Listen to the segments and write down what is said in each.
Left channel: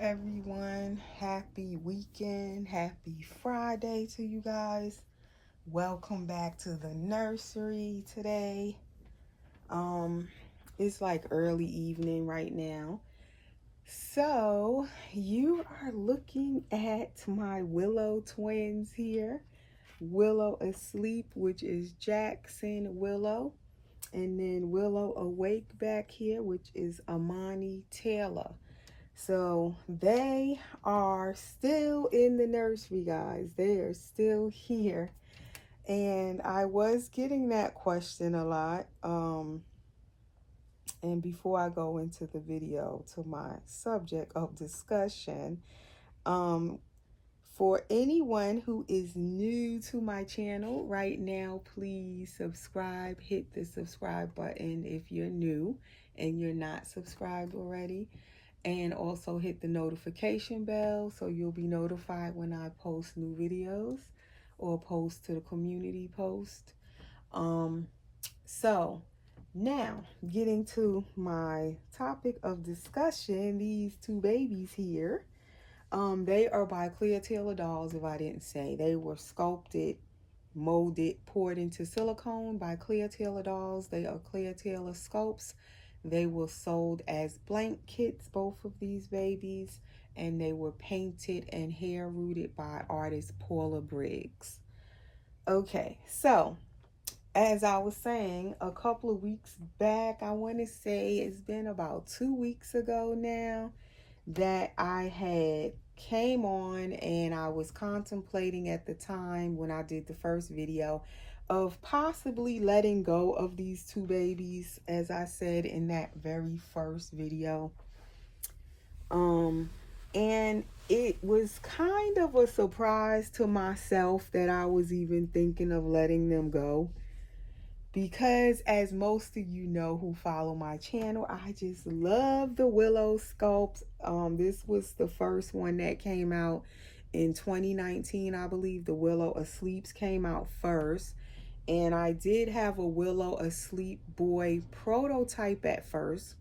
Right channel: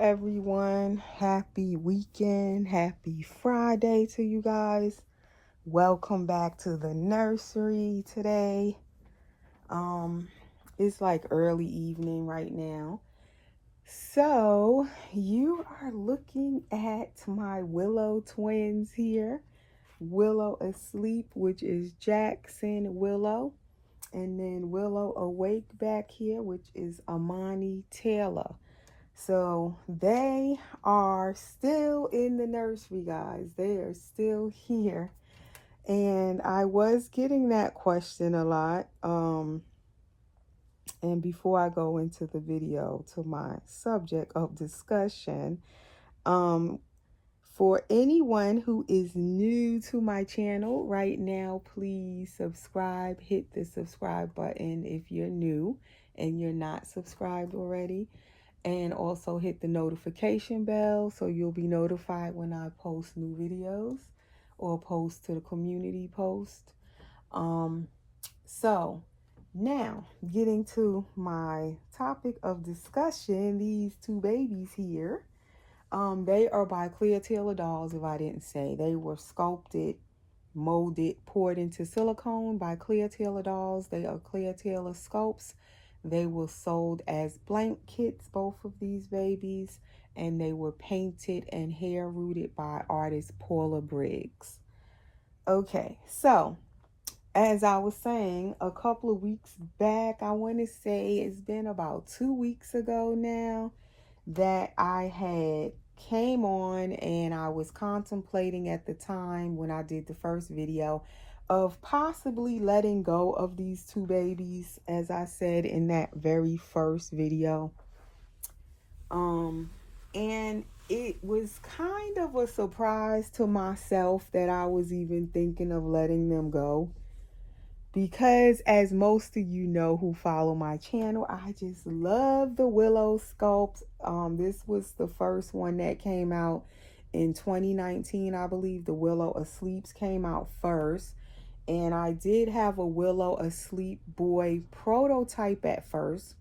Everyone. Happy weekend. Happy Friday to you guys. Welcome back to the nursery today. It's like early evening right now. So, you are looking at my Willow twins here. Willow asleep, which is Jackson Willow. And then Willow awake back here, which is Amani Taylor. So they are still in the nursery, guys. They are still here. And I was getting that question a lot. And before I go into the video to my subject of discussion, for anyone who is new to my channel right now, please subscribe. Hit the subscribe button if you're new and you're not subscribed already. And also hit the notification bell so you'll be notified when I post new videos or post to the community post. So now getting to my topic of discussion, these two babies here, they are by Clear Taylor Dolls. If I didn't say, they were sculpted, molded, poured into silicone by Clear Taylor Dolls. They are Clear Taylor sculpts. They were sold as blank kits, both of these babies, and they were painted and hair rooted by artist Paula Briggs. Okay, so as I was saying, a couple of weeks back, I want to say it's been about 2 weeks ago now, that I had came on and I was contemplating at the time when I did the first video of possibly letting go of these two babies, as I said in that very first video. And it was kind of a surprise to myself that I was even thinking of letting them go, because as most of you know who follow my channel, I just love the Willow sculpt. This was the first one that came out in 2019, I believe. The Willow Asleeps came out first. And I did have a Willow Asleep boy prototype at first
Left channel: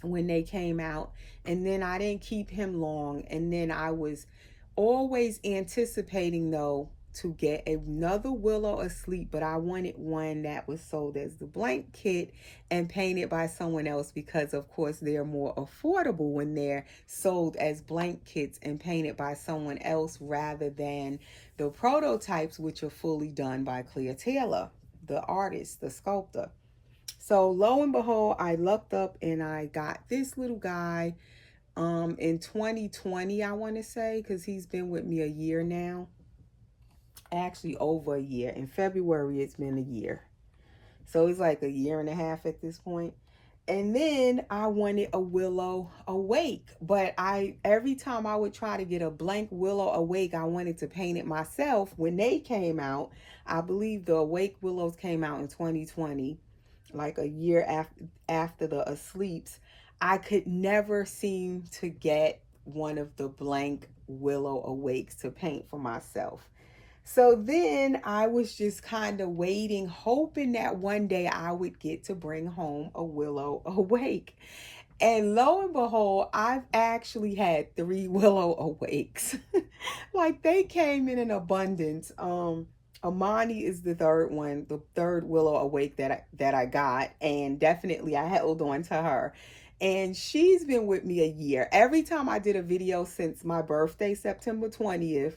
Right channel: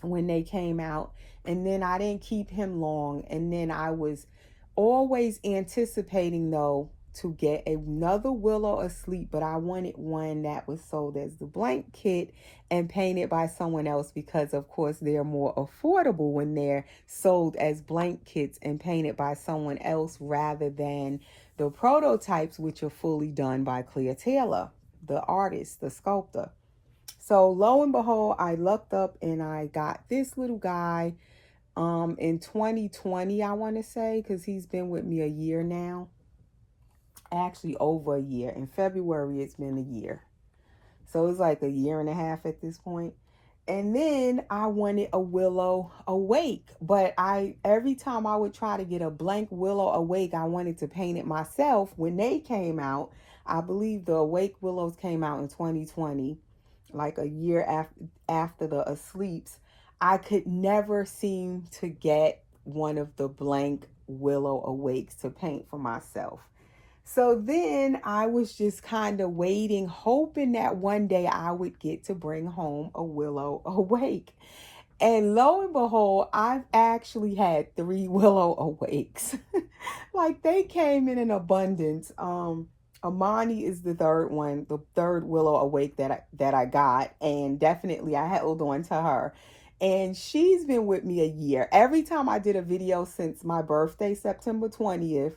when they came out. And then I didn't keep him long. And then I was always anticipating, though, to get another Willow Asleep. But I wanted one that was sold as the blank kit and painted by someone else, because, of course, they're more affordable when they're sold as blank kits and painted by someone else rather than the prototypes, which are fully done by Clear Taylor, the artist, the sculptor. So lo and behold, I lucked up and I got this little guy in 2020, I want to say, because he's been with me a year now. Actually over a year. In February, it's been a year. So it's like a year and a half at this point. And then I wanted a Willow Awake, but every time I would try to get a blank Willow Awake, I wanted to paint it myself. When they came out, I believe the Awake Willows came out in 2020, like a year after the Asleeps. I could never seem to get one of the blank Willow Awakes to paint for myself. So then I was just kind of waiting, hoping that one day I would get to bring home a Willow Awake. And lo and behold, I've actually had 3 Willow Awakes. Like, they came in abundance. Amani is the third one, the third Willow Awake that I got. And definitely I held on to her. And she's been with me a year. Every time I did a video since my birthday, September 20th,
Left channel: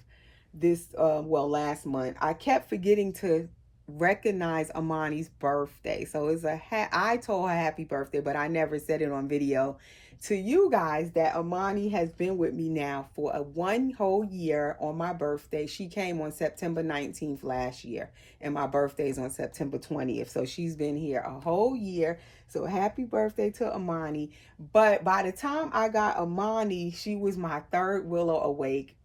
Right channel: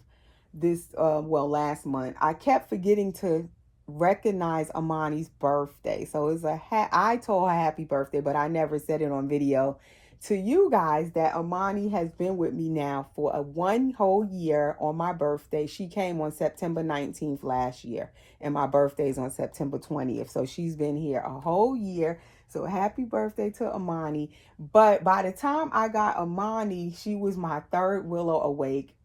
last month, I kept forgetting to recognize Amani's birthday. So it's I told her happy birthday, but I never said it on video to you guys that Amani has been with me now for 1 whole year on my birthday. She came on September 19th last year, and my birthday's on September 20th. So she's been here a whole year. So happy birthday to Amani. But by the time I got Amani, she was my 3rd Willow Awake.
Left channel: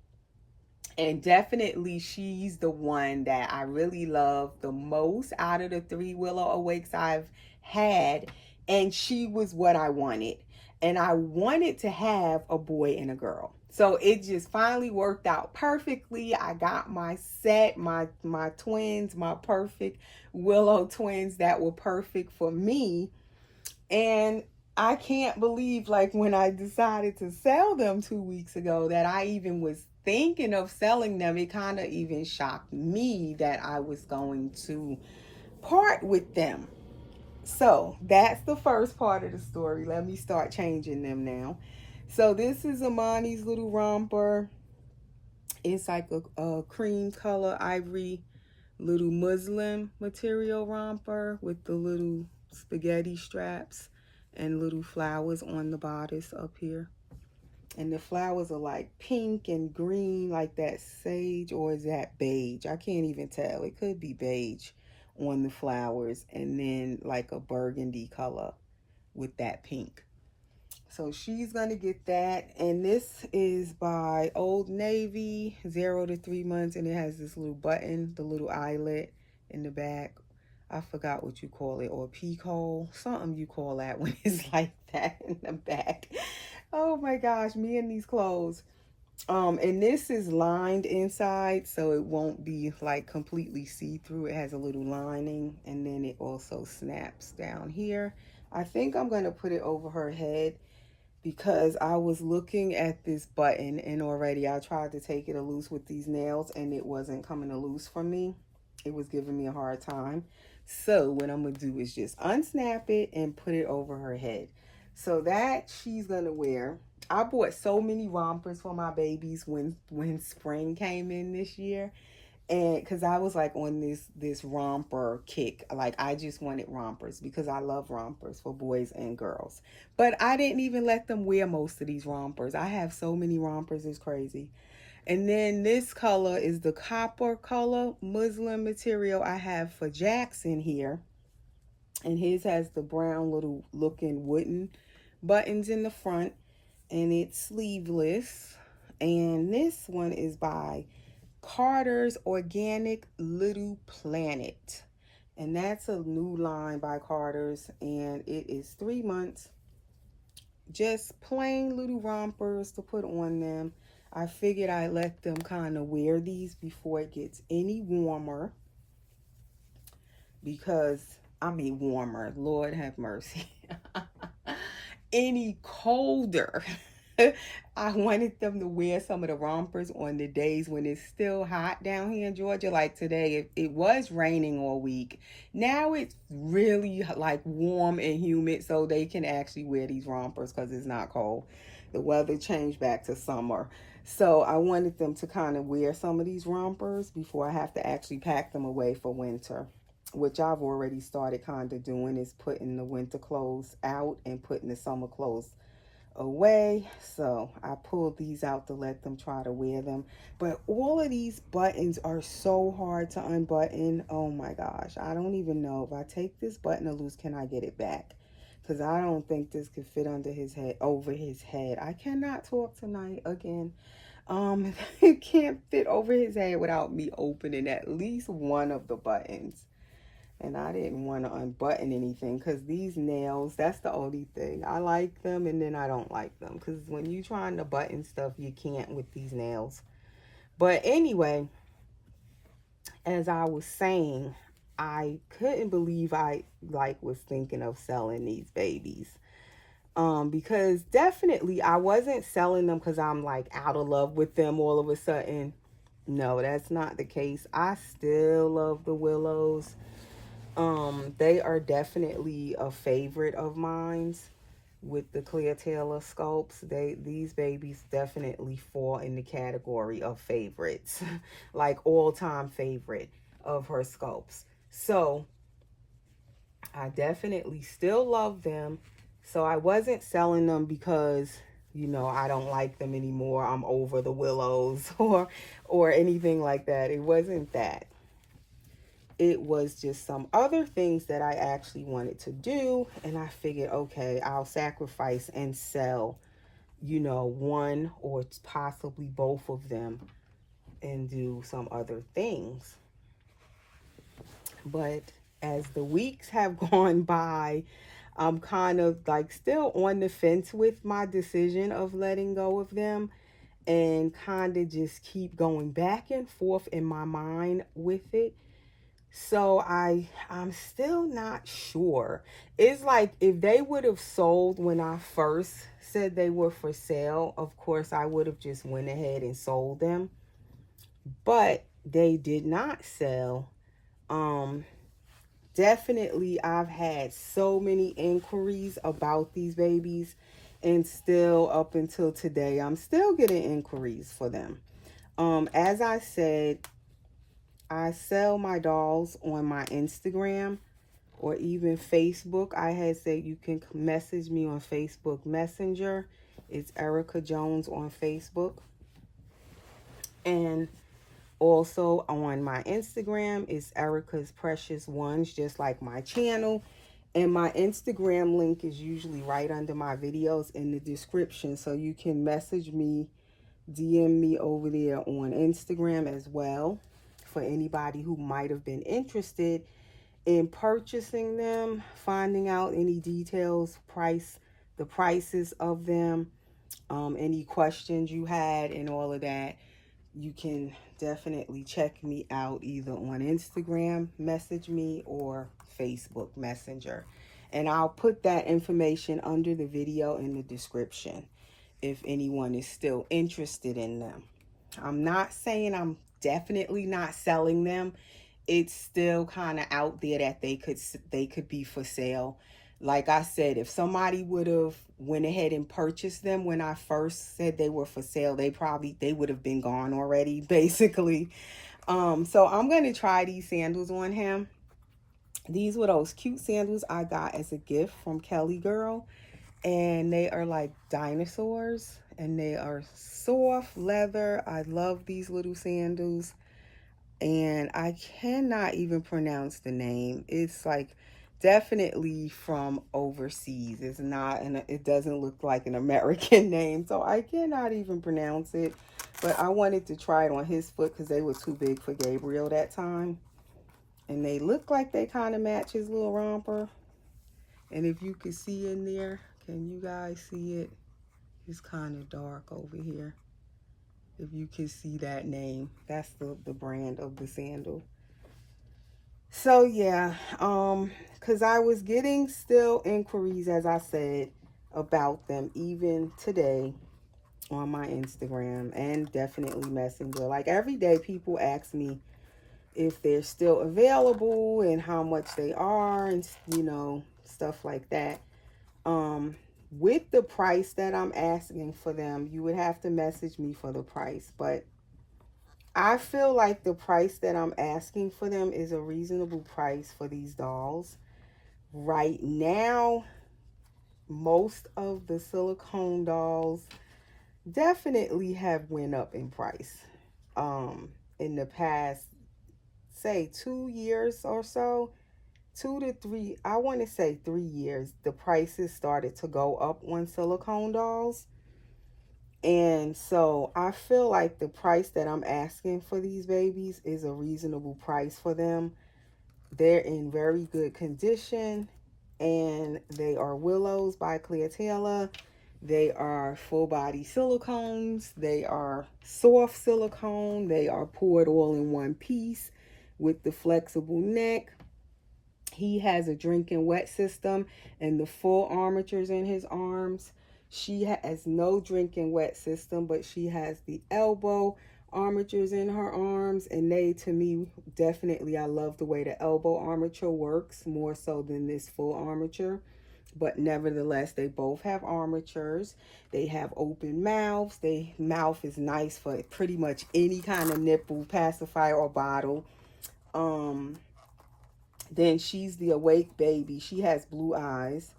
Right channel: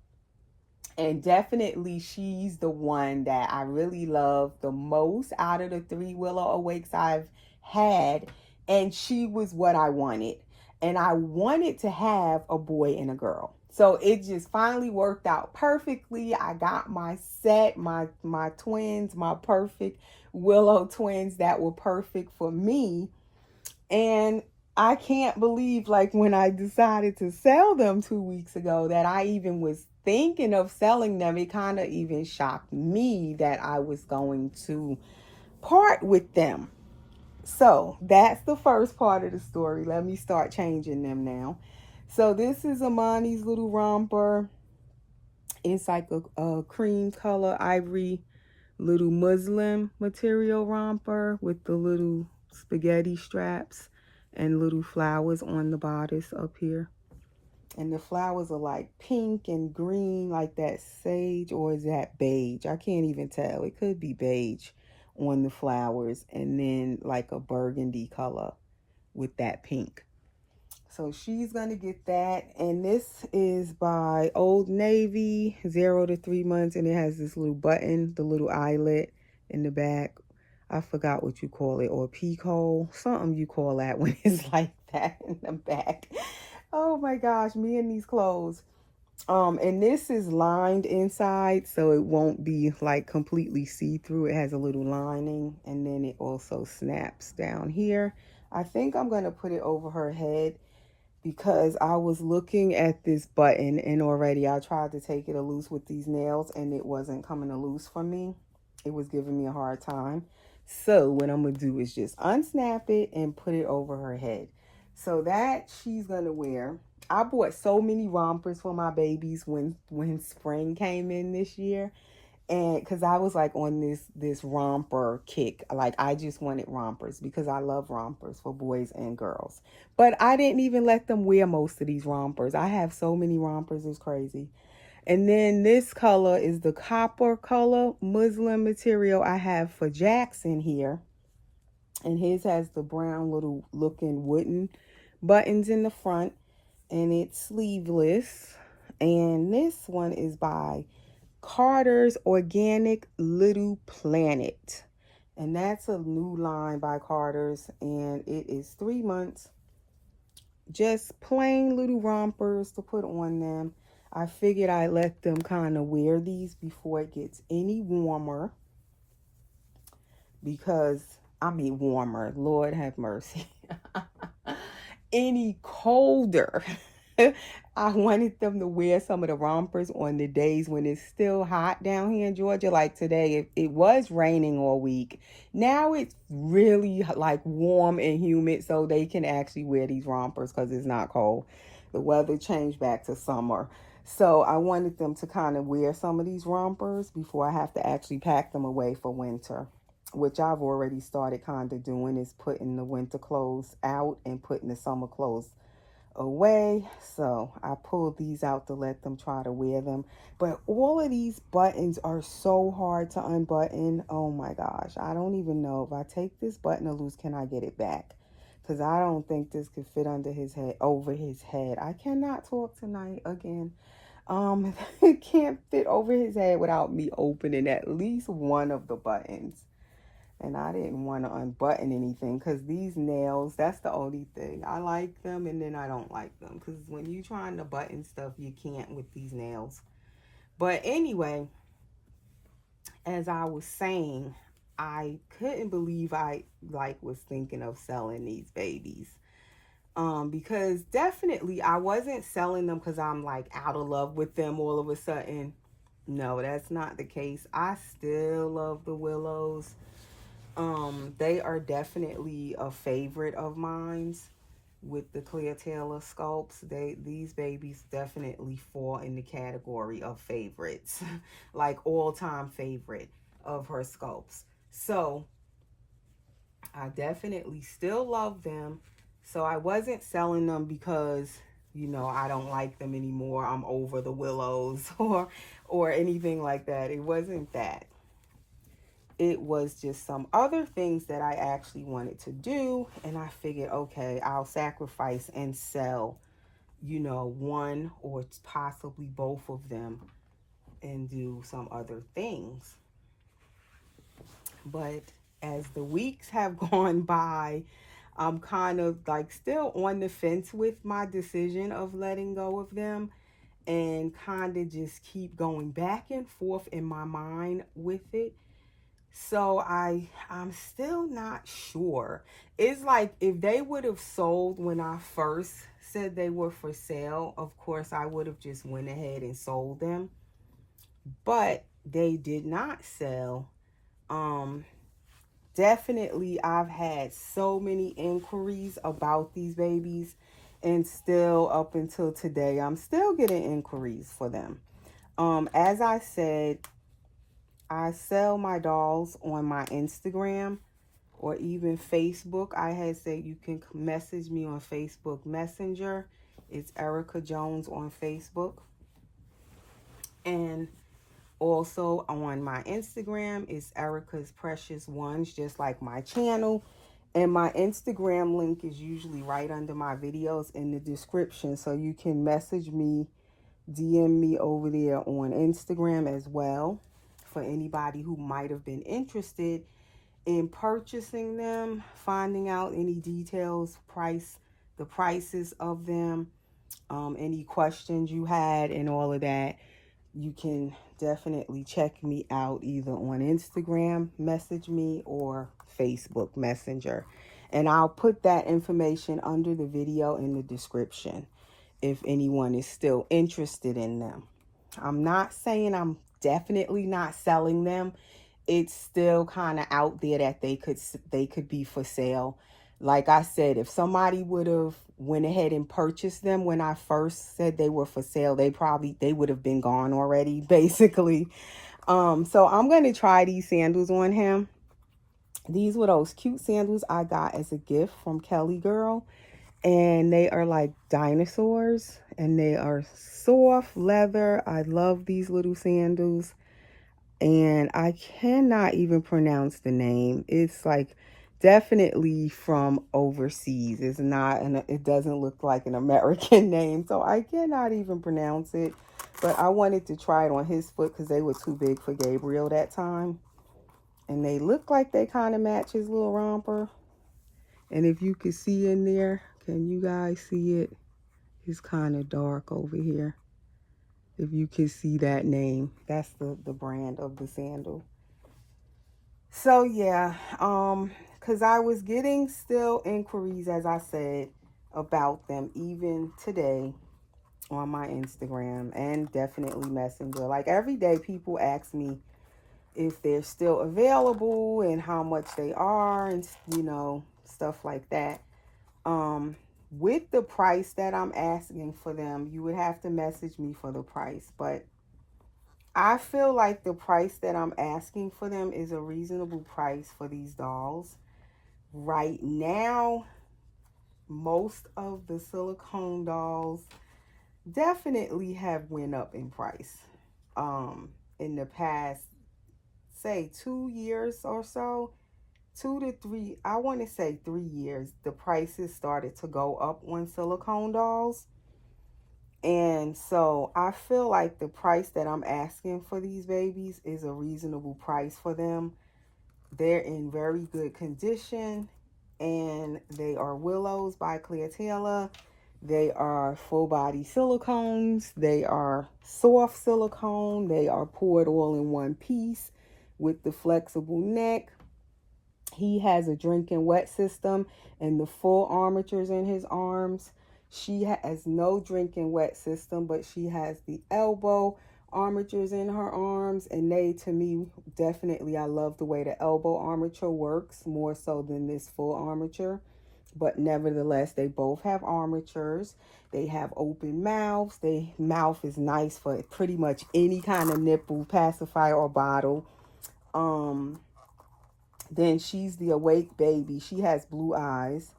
And definitely she's the one that I really love the most out of the 3 Willow Awakes I've had. And she was what I wanted. And I wanted to have a boy and a girl. So it just finally worked out perfectly. I got my set, my twins, my perfect Willow twins that were perfect for me. And I can't believe, like, when I decided to sell them 2 weeks ago, that I even was thinking of selling them. It kind of even shocked me that I was going to part with them. So that's the first part of the story. Let me start changing them now. So this is Amani's little romper. It's like a cream color ivory little muslin material romper with the little spaghetti straps and little flowers on the bodice up here. And the flowers are like pink and green, like that sage, or is that beige? I can't even tell. It could be beige on the flowers, and then like a burgundy color with that pink. So she's going to get that. And this is by Old Navy, 0 to 3 months. And it has this little button, the little eyelet in the back. I forgot what you call it, or peek hole. Something you call that when it's like that in the back. Oh my gosh, me and these clothes. And this is lined inside, so it won't be like completely see-through. It has a little lining, and then it also snaps down here. I think I'm going to put it over her head because I was looking at this button, and already I tried to take it loose with these nails and it wasn't coming loose from me. It was giving me a hard time. So what I'm going to do is just unsnap it and put it over her head. So that she's going to wear. I bought so many rompers for my babies when spring came in this year. And because I was like on this romper kick. Like I just wanted rompers because I love rompers for boys and girls. But I didn't even let them wear most of these rompers. I have so many rompers, it's crazy. And then this color is the copper color muslin material I have for Jackson here. And his has the brown little looking wooden buttons in the front. And it's sleeveless. And this one is by Carter's Organic Little Planet. And that's a new line by Carter's. And it is 3 months. Just plain little rompers to put on them. I figured I'd let them kind of wear these before it gets any warmer. Because, I mean warmer, Lord have mercy. Any colder. I wanted them to wear some of the rompers on the days when it's still hot down here in Georgia. Like today, it was raining all week. Now it's really like warm and humid, so they can actually wear these rompers because it's not cold. The weather changed back to summer. So I wanted them to kind of wear some of these rompers before I have to actually pack them away for winter, which I've already started kind of doing, is putting the winter clothes out and putting the summer clothes away. So I pulled these out to let them try to wear them. But all of these buttons are so hard to unbutton. Oh my gosh. I don't even know if I take this button loose, can I get it back? Because I don't think this could fit under his head, over his head. I cannot talk tonight again. It can't fit over his head without me opening at least one of the buttons. And I didn't want to unbutton anything because these nails, that's the only thing. I like them and then I don't like them. Because when you're trying to button stuff, you can't with these nails. But anyway, as I was saying, I couldn't believe I was thinking of selling these babies. Because definitely I wasn't selling them because I'm like out of love with them all of a sudden. No, that's not the case. I still love the Willows. They are definitely a favorite of mine's with the Clear Taylor sculpts. These babies definitely fall in the category of favorites, like all-time favorite of her sculpts. So I definitely still love them. So I wasn't selling them because, you know, I don't like them anymore. I'm over the Willows or anything like that. It wasn't that. It was just some other things that I actually wanted to do. And I figured, okay, I'll sacrifice and sell, you know, one or possibly both of them and do some other things. But as the weeks have gone by, I'm kind of like still on the fence with my decision of letting go of them, and kind of just keep going back and forth in my mind with it. So I'm still not sure. It's like if they would have sold when I first said they were for sale, of course I would have just went ahead and sold them. But they did not sell. Um Definitely I've had so many inquiries about these babies, and still up until today I'm still getting inquiries for them. As I said, I sell my dolls on my Instagram or even Facebook. I had said you can message me on Facebook Messenger. It's Erica Jones on Facebook. And also on my Instagram is Erica's Precious Ones, just like my channel. And my Instagram link is usually right under my videos in the description. So you can message me, DM me over there on Instagram as well, for anybody who might have been interested in purchasing them, finding out any details, the prices of them, any questions you had and all of that. You can definitely check me out either on Instagram, message me, or Facebook Messenger. And I'll put that information under the video in the description if anyone is still interested in them. I'm not saying I'm definitely not selling them. It's still kind of out there that they could be for sale. Like I said, if somebody would have went ahead and purchased them when I first said they were for sale, they would have been gone already, basically. So I'm gonna try these sandals on him. These were those cute sandals I got as a gift from Kelly Girl, and they are like dinosaurs, and they are soft leather. I love these little sandals, and I cannot even pronounce the name. It's like definitely from overseas. It's not, and it doesn't look like an American name, so I cannot even pronounce it. But I wanted to try it on his foot because they were too big for Gabriel that time, and they look like they kind of match his little romper. And if you can see in there, can you guys see it? It's kind of dark over here. If you can see that name, that's the brand of the sandal. So yeah, because I was getting still inquiries, as I said, about them even today on my Instagram and definitely Messenger. Like every day people ask me if they're still available and how much they are, and stuff like that. With the price that I'm asking for them, you would have to message me for the price, but I feel like the price that I'm asking for them is a reasonable price for these dolls. Right now, most of the silicone dolls definitely have went up in price. In the past, say 2 years or so, 2 to 3, I want to say 3 years, the prices started to go up on silicone dolls. And so I feel like the price that I'm asking for these babies is a reasonable price for them. They're in very good condition, and they are Willows by Clear Taylor. They are full body silicones. They are soft silicone. They are poured all in one piece with the flexible neck. He has a drinking wet system and the full armatures in his arms. She has no drinking wet system, but she has the elbow armatures in her arms. And they, to me, definitely, I love the way the elbow armature works more so than this full armature. But nevertheless, they both have armatures. They have open mouths. Their mouth is nice for pretty much any kind of nipple pacifier or bottle. Then she's the awake baby. She has blue eyes,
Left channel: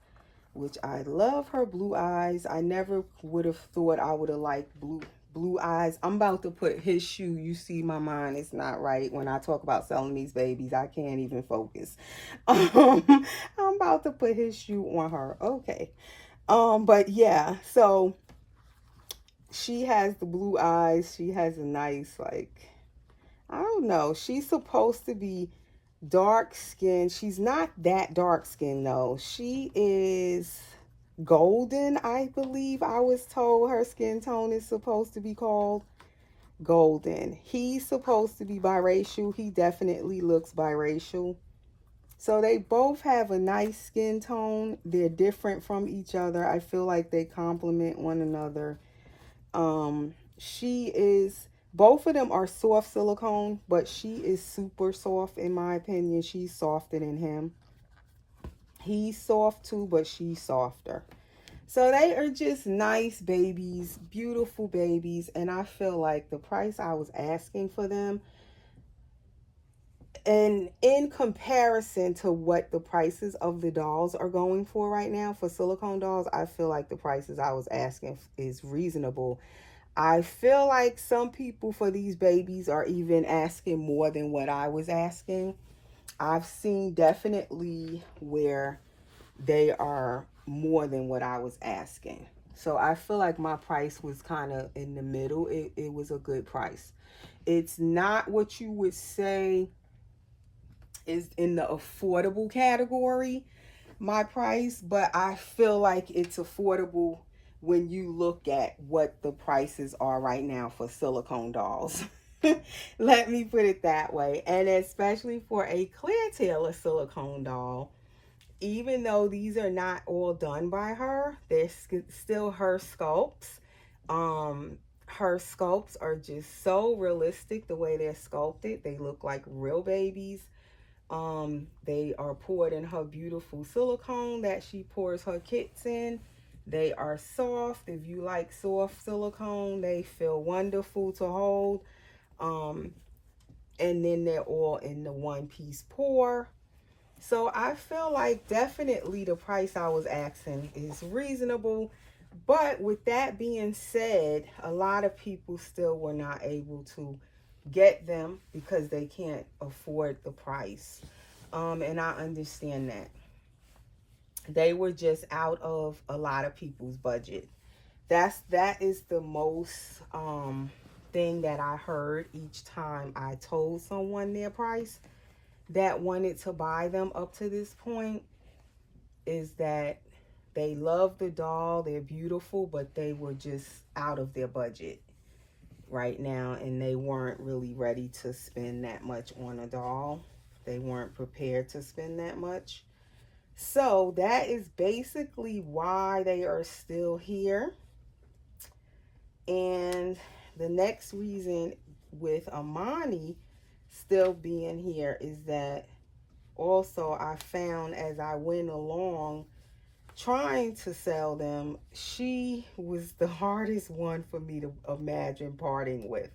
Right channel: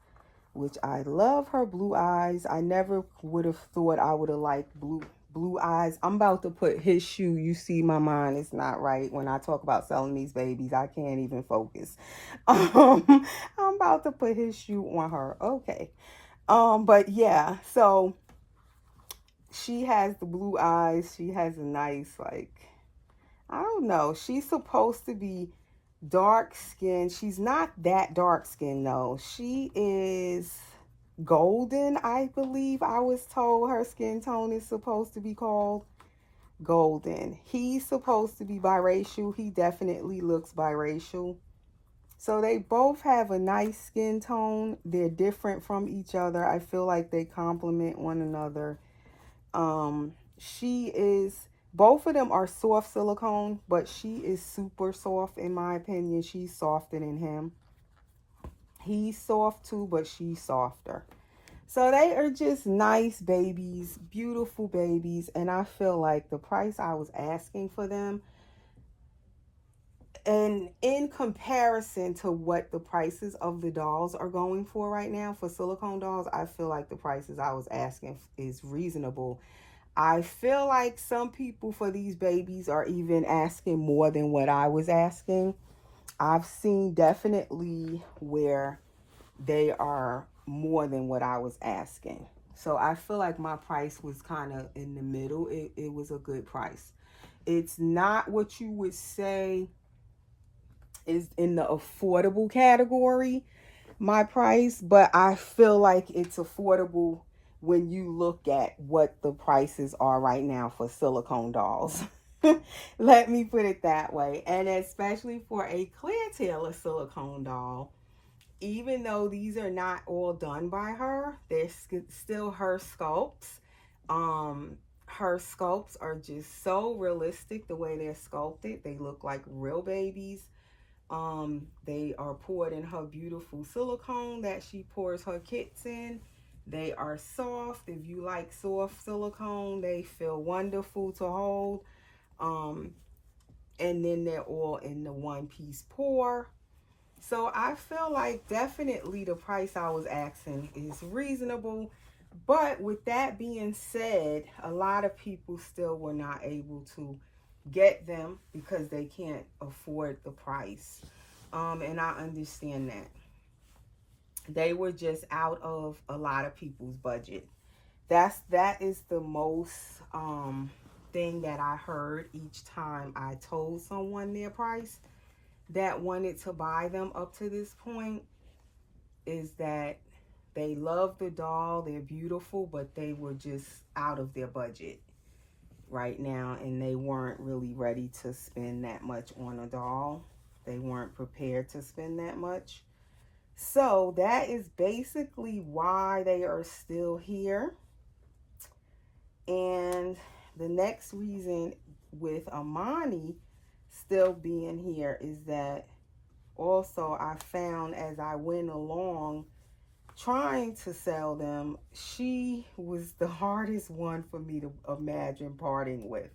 which I love her blue eyes. I never would have thought I would have liked blue eyes. I'm about to put his shoe. You see, my mind is not right when I talk about selling these babies. I can't even focus. I'm about to put his shoe on her. Okay. But yeah, so she has the blue eyes. She has a nice, like, I don't know. She's supposed to be dark skin. She's not that dark skin though. She is golden, I believe. I was told her skin tone is supposed to be called. golden. He's supposed to be biracial. He definitely looks biracial. So they both have a nice skin tone. They're different from each other. I feel like they complement one another. She is, both of them are soft silicone, but she is super soft in my opinion. She's softer than him. He's soft too, but she's softer. So they are just nice babies, beautiful babies, and I feel like the price I was asking for them, and in comparison to what the prices of the dolls are going for right now for silicone dolls, I feel like the prices I was asking is reasonable. I feel like some people for these babies are even asking more than what I was asking. I've seen definitely where they are more than what I was asking. So I feel like my price was kind of in the middle. It was a good price. It's not what you would say is in the affordable category, my price, but I feel like it's affordable when you look at what the prices are right now for silicone dolls. Let me put it that way. And especially for a Claire Taylor silicone doll, even though these are not all done by her, they're still her sculpts. Her sculpts are just so realistic the way they're sculpted. They look like real babies. They are poured in her beautiful silicone that she pours her kits in. They are soft. If you like soft silicone, they feel wonderful to hold. And then they're all in the one-piece pour. So I feel like definitely the price I was asking is reasonable. But with that being said, a lot of people still were not able to get them because they can't afford the price. And I understand that. They were just out of a lot of people's budget. That is the most thing that I heard each time I told someone their price that wanted to buy them up to this point, is that they love the doll, they're beautiful, but they were just out of their budget right now, and they weren't really ready to spend that much on a doll. They weren't prepared to spend that much. So that is basically why they are still here. And the next reason with Amani still being here is that also I found as I went along trying to sell them, she was the hardest one for me to imagine parting with.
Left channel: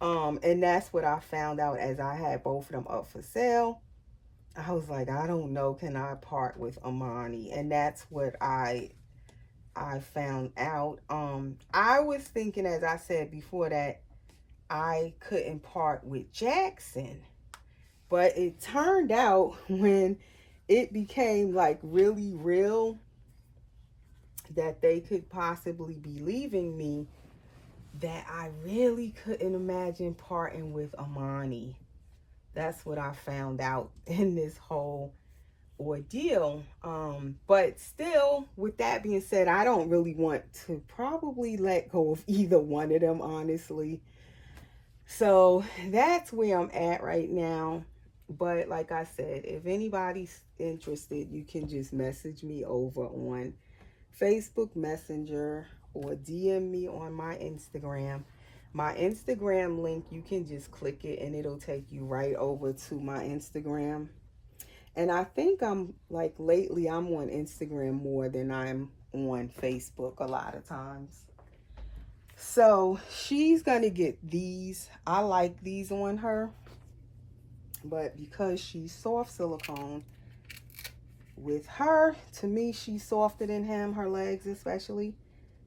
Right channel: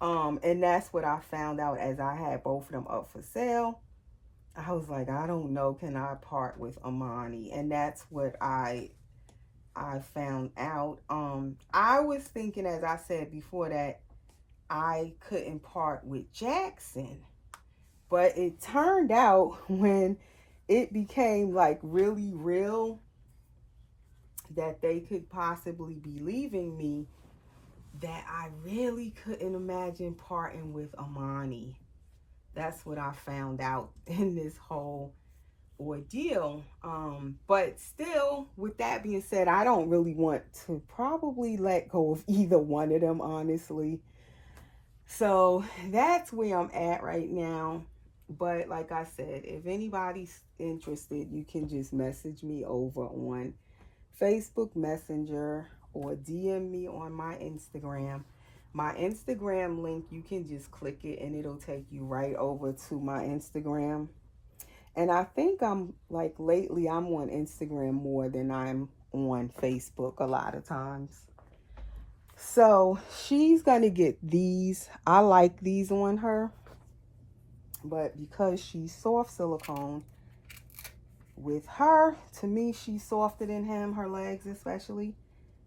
And that's what I found out as I had both of them up for sale. I was like, I don't know, can I part with Amani? And that's what I found out. I was thinking, as I said before, that I couldn't part with Jackson. But it turned out when it became like really real that they could possibly be leaving me, that I really couldn't imagine parting with Amani. That's what I found out in this whole ordeal. But still, with that being said, I don't really want to probably let go of either one of them, honestly. So that's where I'm at right now. But like I said, if anybody's interested, you can just message me over on Facebook Messenger or DM me on my Instagram. My Instagram link, you can just click it and it'll take you right over to my Instagram. And I think I'm like lately I'm on Instagram more than I'm on Facebook a lot of times. So she's gonna get these. I like these on her, but because she's soft silicone, with her, to me, she's softer than him, her legs especially.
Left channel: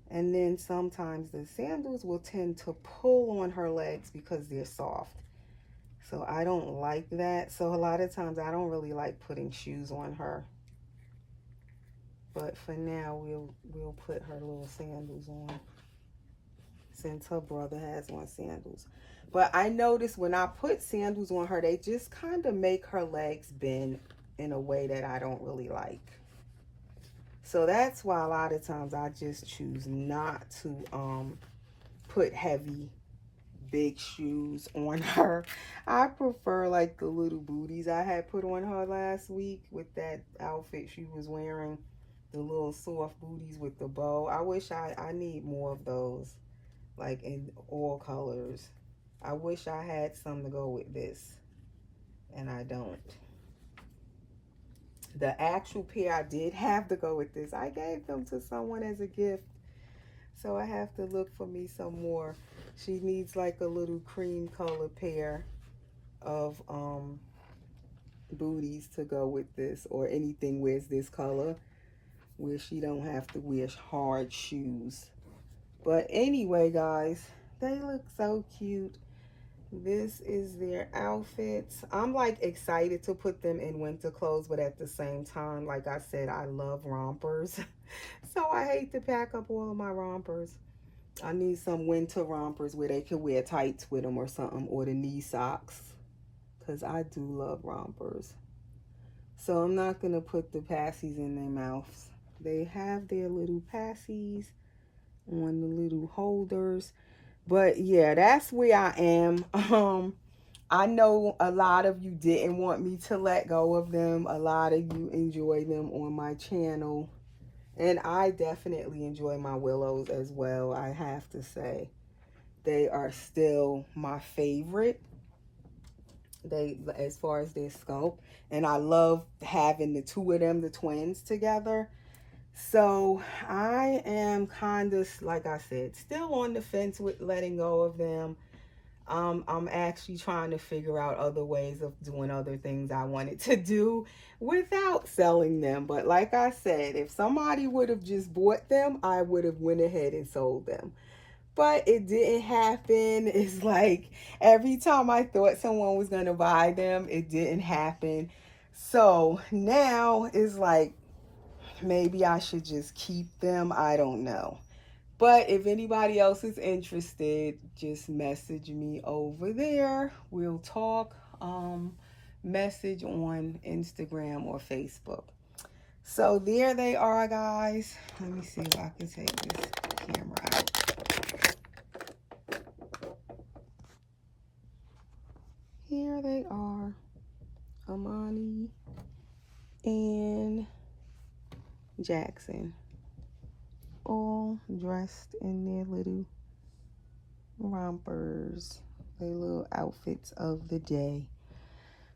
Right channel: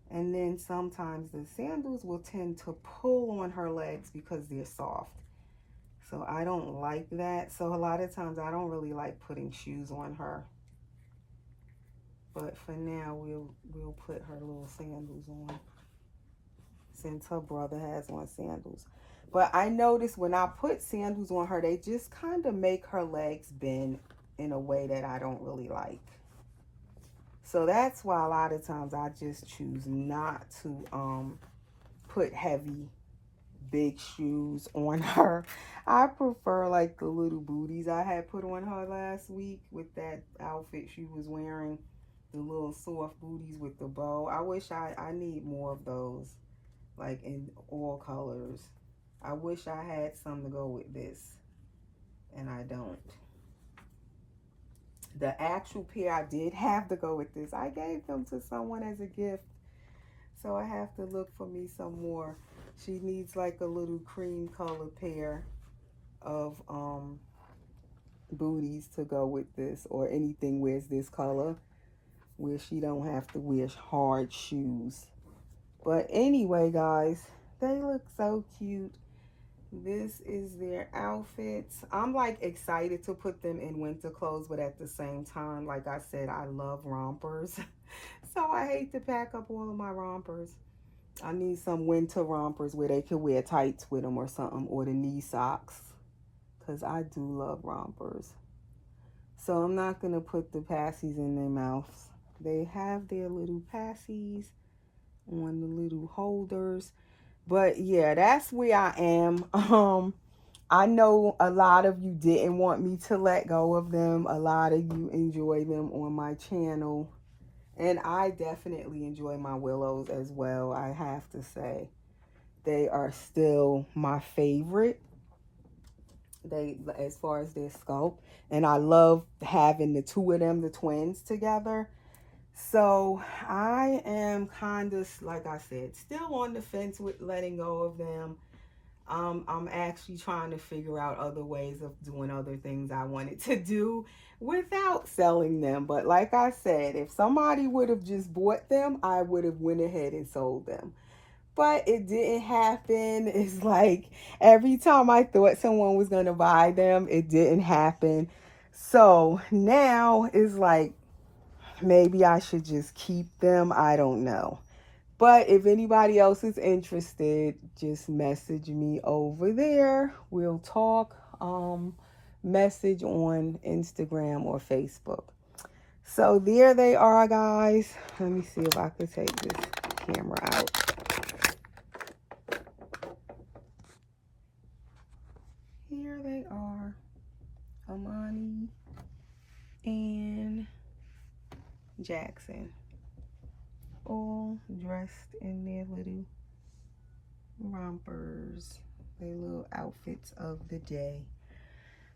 And then sometimes the sandals will tend to pull on her legs because they're soft. So I don't like that. So a lot of times I don't really like putting shoes on her. But for now, we'll put her little sandals on, since her brother has on sandals. But I noticed when I put sandals on her, they just kind of make her legs bend in a way that I don't really like. So that's why a lot of times I just choose not to put heavy big shoes on her. I prefer like the little booties I had put on her last week with that outfit she was wearing. The little soft booties with the bow. I wish I need more of those, like in all colors. I wish I had some to go with this, and I don't. The actual pair I did have to go with this, I gave them to someone as a gift. So I have to look for me some more. She needs like a little cream colored pair of booties to go with this, or anything wears this color where she don't have to wear hard shoes. But anyway, guys, they look so cute. This is their outfits. I'm like excited to put them in winter clothes, but at the same time, like I said, I love rompers. So I hate to pack up all of my rompers. I need some winter rompers where they can wear tights with them or something, or the knee socks, because I do love rompers. So I'm not going to put the passies in their mouths. They have their little passies on the little holders. But yeah, that's where I am. I know a lot of you didn't want me to let go of them. A lot of you enjoy them on my channel. And I definitely enjoy my Willows as well, I have to say. They are still my favorite. They, as far as their sculpt. And I love having the two of them, the twins, together. So I am kind of, like I said, still on the fence with letting go of them. I'm actually trying to figure out other ways of doing other things I wanted to do without selling them. But like I said, if somebody would have just bought them, I would have went ahead and sold them. But it didn't happen. It's like every time I thought someone was going to buy them, it didn't happen. So now it's like, maybe I should just keep them. I don't know. But if anybody else is interested, just message me over there. We'll talk. Message on Instagram or Facebook. So there they are, guys. Let me see if I can take this camera out. Here they are. Amani and Jackson, all dressed in their little rompers, their little outfits of the day.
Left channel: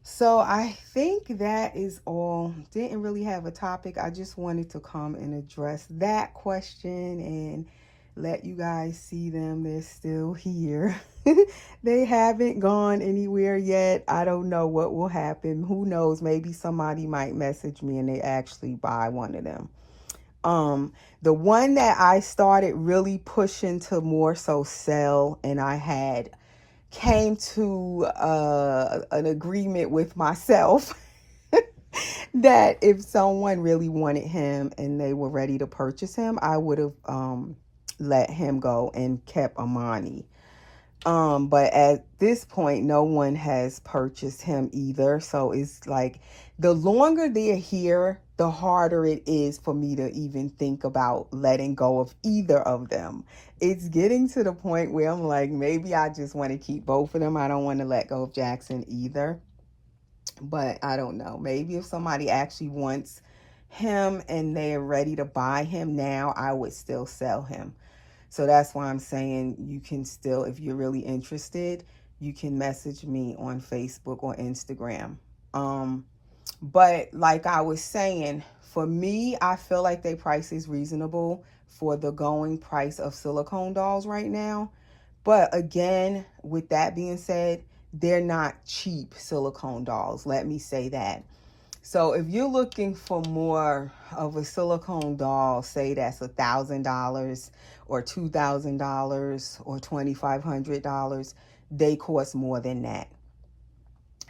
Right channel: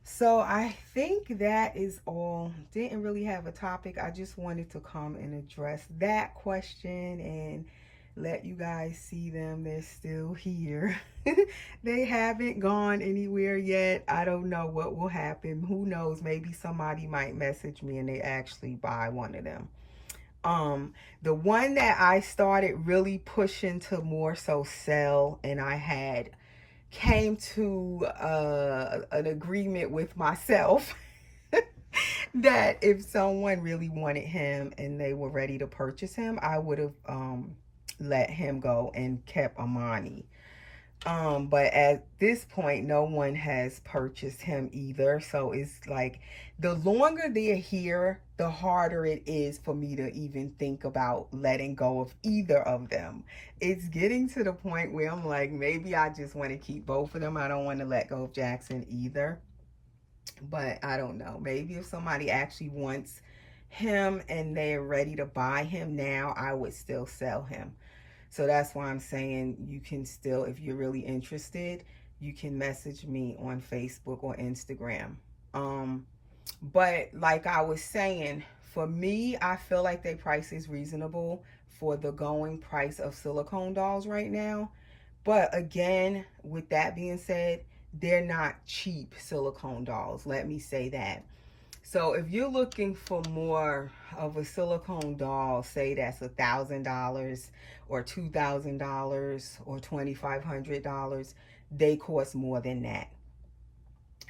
So I think that is all. Didn't really have a topic. I just wanted to come and address that question and let you guys see them. They're still here. They haven't gone anywhere yet. I don't know what will happen. Who knows? Maybe somebody might message me and they actually buy one of them. The one that I started really pushing to more so sell, and I had came to an agreement with myself that if someone really wanted him and they were ready to purchase him, I would have let him go and kept Amani. But at this point, no one has purchased him either. So it's like the longer they're here, the harder it is for me to even think about letting go of either of them. It's getting to the point where I'm like, maybe I just want to keep both of them. I don't want to let go of Jackson either. But I don't know. Maybe if somebody actually wants him and they're ready to buy him now, I would still sell him. So that's why I'm saying you can still, if you're really interested, you can message me on Facebook or Instagram. But like I was saying, for me, I feel like their price is reasonable for the going price of silicone dolls right now. But again, with that being said, they're not cheap silicone dolls. Let me say that. So if you're looking for more of a silicone doll, say that's $1,000 or $2,000 or $2,500, they cost more than that.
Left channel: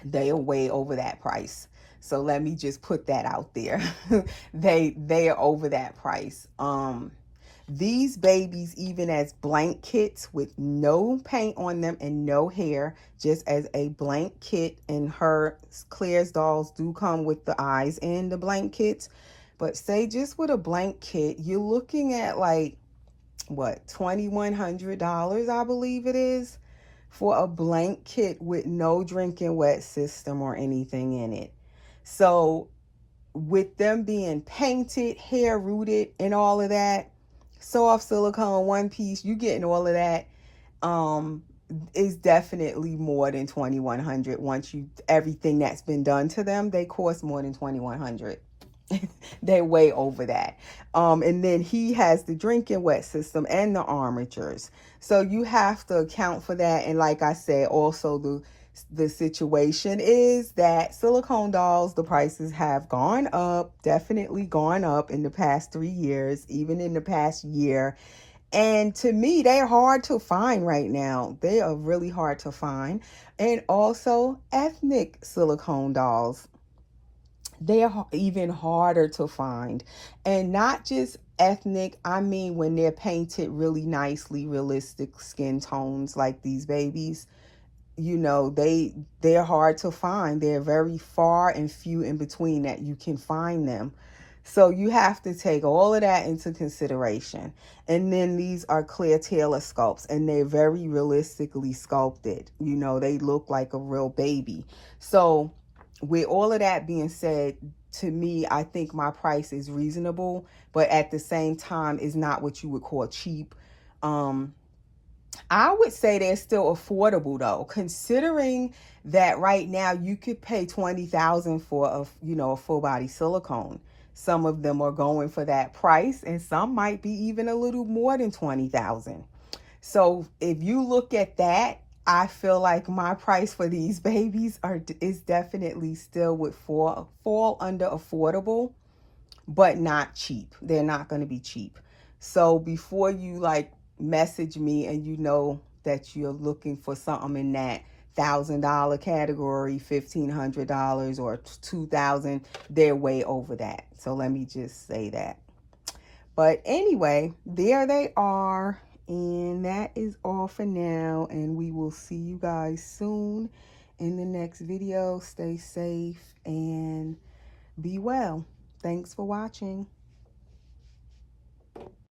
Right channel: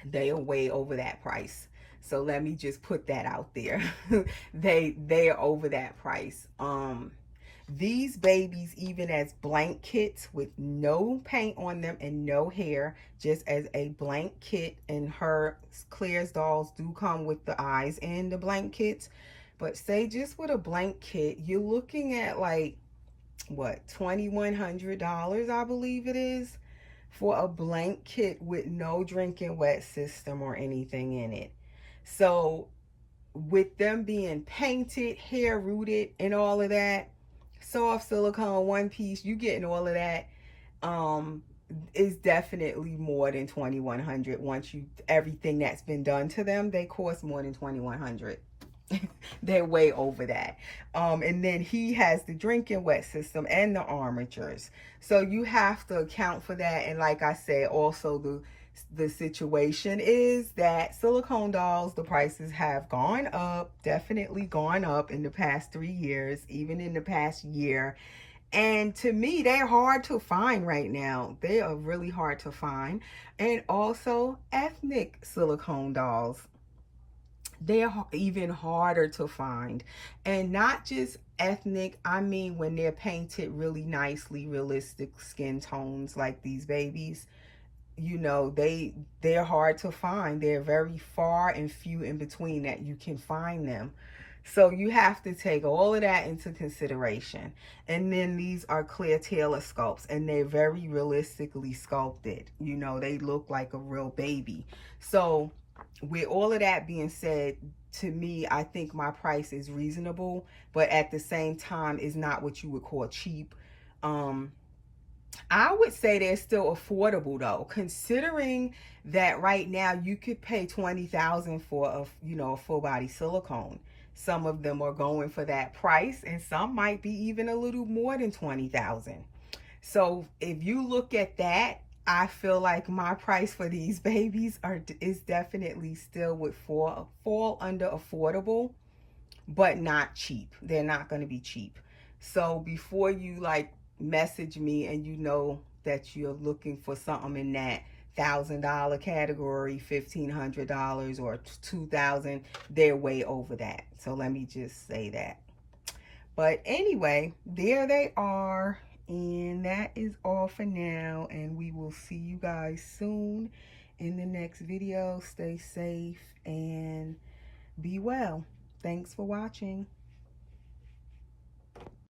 They are way over that price. So let me just put that out there. they are over that price. These babies, even as blank kits with no paint on them and no hair, just as a blank kit, and her Claire's dolls do come with the eyes in the blank kits. But say just with a blank kit, you're looking at like, what, $2,100, I believe it is, for a blank kit with no drinking wet system or anything in it. So with them being painted, hair rooted, and all of that, soft silicone, one piece, you getting all of that. Is definitely more than 2,100. Once you everything that's been done to them, they cost more than 2,100. They're way over that. And then he has the drinking wet system and the armatures, so you have to account for that. And like I said, also the situation is that silicone dolls, the prices have gone up, definitely gone up in the past 3 years, even in the past year. And to me, they're hard to find right now. They are really hard to find. And also ethnic silicone dolls, they are even harder to find. And not just ethnic, I mean when they're painted really nicely, realistic skin tones like these babies, you know, they're hard to find. They're very far and few in between that you can find them. So you have to take all of that into consideration. And then these are clear Taylor sculpts, and they're very realistically sculpted. You know, they look like a real baby. So with all of that being said, to me, I think my price is reasonable, but at the same time is not what you would call cheap. I would say they're still affordable though, considering that right now you could pay 20,000 for a full body silicone. Some of them are going for that price, and some might be even a little more than 20,000. So if you look at that, I feel like my price for these babies is definitely still would fall under affordable, but not cheap. They're not going to be cheap. So before you like message me and you know that you're looking for something in that $1,000 category, $1,500 or $2,000, they're way over that. So let me just say that. But anyway, there they are. And that is all for now. And we will see you guys soon in the next video. Stay safe and be well. Thanks for watching.